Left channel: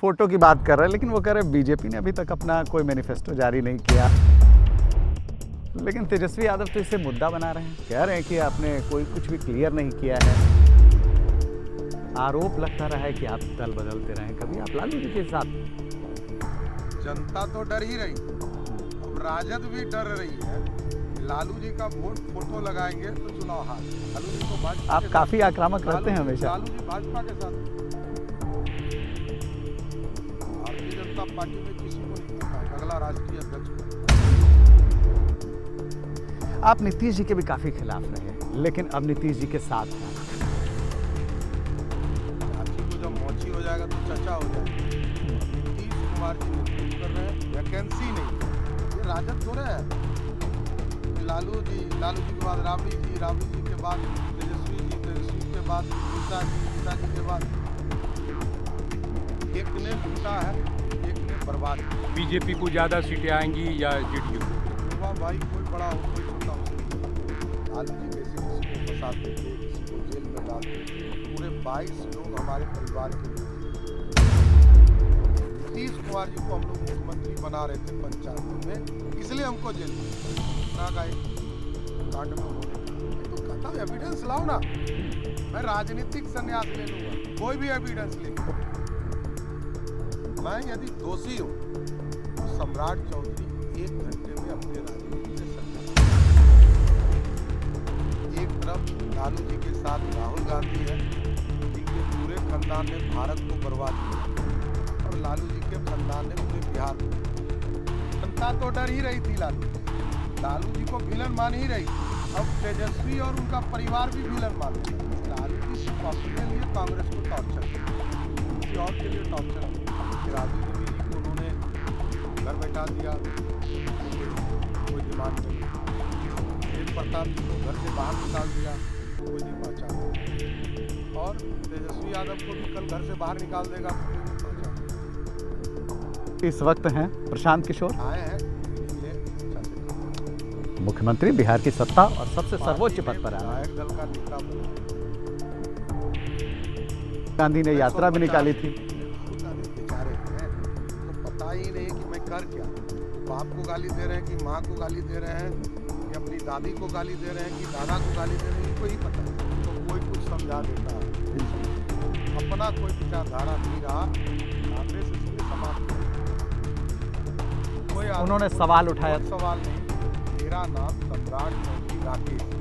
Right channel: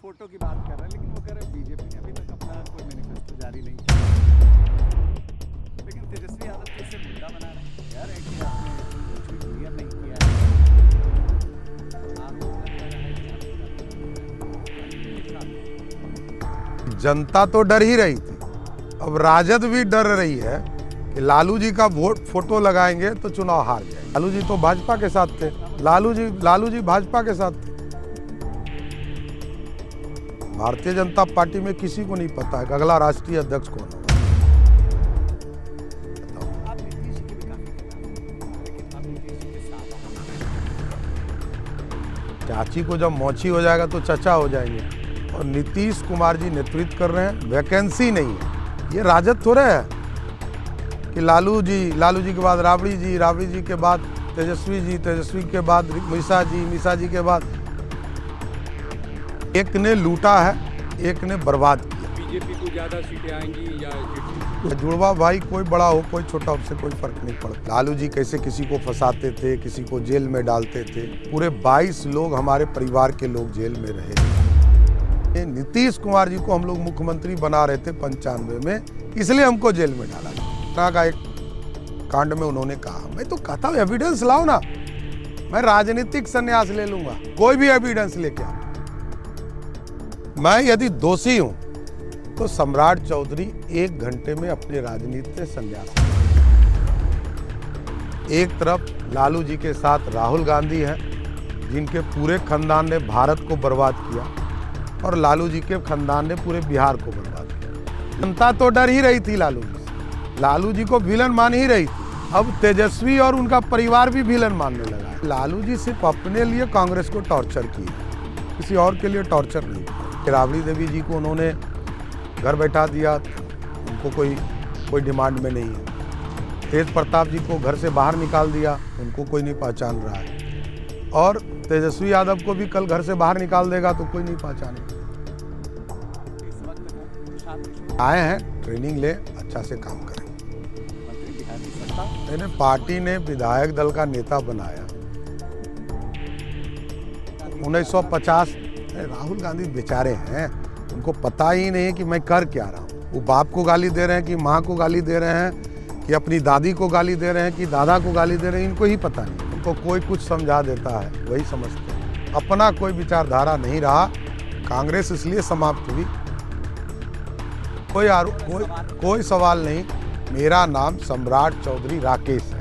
Photo की बात कर रहे हैं, लेकिन वो कह रहे हैं बीजेपी ने अभी तक अपना कोई मैनिफेस्टो जारी नहीं किया। लेकिन तेजस्वी यादव तो इसे मुद्दा बना रहे हैं, कह रहे हैं कि आपने कोई कुछ भी क्लियर नहीं किया है। आरोप लगता रहा है कि आप दल बदलते रहे, कभी आप लालू जी के साथ। जनता तो डर ही रही थी, अब राजद भी डर रही है कि लालू जी का वोट फोटो लगाएंगे तो चुनाव हार जाए। लालू जी तो भाजपा के साथ काफी आक्रामक लालू जी भाजपा के साथ। भारतीय जनता पार्टी में किसी को नहीं पता है कि अगला राष्ट्रीय अध्यक्ष कौन है। आप नीतीश जी के भी काफी खिलाफ रहे, लेकिन अब नीतीश जी के साथ। चाची को जब मौची हो जाएगा तो चचा हो जाएंगे। और नीतीश कुमार जी नेतृत्व कर रहे हैं, वैकेंसी नहीं है। ये राजद थोड़े है कि लालू जी के बाद राबड़ी जी के बाद तेजस्वी के बाद निशा जी के बाद। एक ने लूटा है, एक ने बर्बाद किया। बीजेपी को ज्यादा सीटें आएंगी या जुड़वा भाई कोई बड़ा हो कोई छोटा, उससे कोई फर्क नहीं पड़ता। लालू जी कैसे किसी को फंसाते थे, किसी को जेल में डालते थे। पूरे 22 लोग हमारे परिवार के लोग जेल में रहे। नीतीश कुमार जी को हम लोग मुख्यमंत्री बना रहे थे 95 में, इसलिए हमको जेल में डाला। का एक कांड में उन्होंने कहा, मैं तो कहता हूँ एविडेंस लाओ ना, मैं राजनीतिक संन्यास ले लूंगा, कोई भी एविडेंस लेके आओ। मैं यदि दोषी हूं तो सम्राट चौधरी 1 घंटे में अपने राजनीति से संन्यास। एक तरफ लालू जी के साथ राहुल गांधी हैं, जिनके पूरे खानदान ने भारत को बर्बाद किया, और लालू जी के खानदान ने पूरे बिहार को बर्बाद किया। जनता तो डर ही रही थी लालू जी को विलन मान ही रही थी। अब तेजस्वी और उनका परिवार भी विलन मानने लगा। लालू जी सिर्फ अपने लिए कांग्रेस को टॉर्चर किया, किसी और के लिए टॉर्चर नहीं। राबड़ी देवी जी को उन्होंने घर बैठा दिया, उनको कोई डिमांड में नहीं है। तेज प्रताप जी को घर से बाहर निकाल दिया, उनको कोई नहीं पहचान रहा है। और तेजस्वी यादव को भी कल घर से बाहर निकाल देगा तो कोई नहीं पहचानेगा। इस वक्त हैं प्रशांत किशोर, आए हैं ट्रेनिंग ले, अच्छा से काम करें। मुख्यमंत्री बिहार की सत्ता और सबसे पार्टी सर्वोच्च ने पद पर है। विधायक दल का नेता बनाया। गांधी ने यात्रा भी 1950 निकाली थी। राहुल गांधी बेचारे हैं, उनको पता ही नहीं है कि मैं कर क्या रहा हूँ। वो बाप को गाली दे रहे हैं कि माँ को गाली दे रहे हैं कि अपनी दादी को गाली दे रहे हैं कि दादा को गाली दे रहे हैं, इनको ही पता नहीं। तो कोई कुछ समझा देता है, वही समझते हैं। अपना कोई विचारधारा नहीं रहा, कांग्रेस इसलिए समाप्त हुई। कोई सवाल उठाया। कोई सवाल नहीं। मेरा नाम सम्राट चौधरी राकेश है।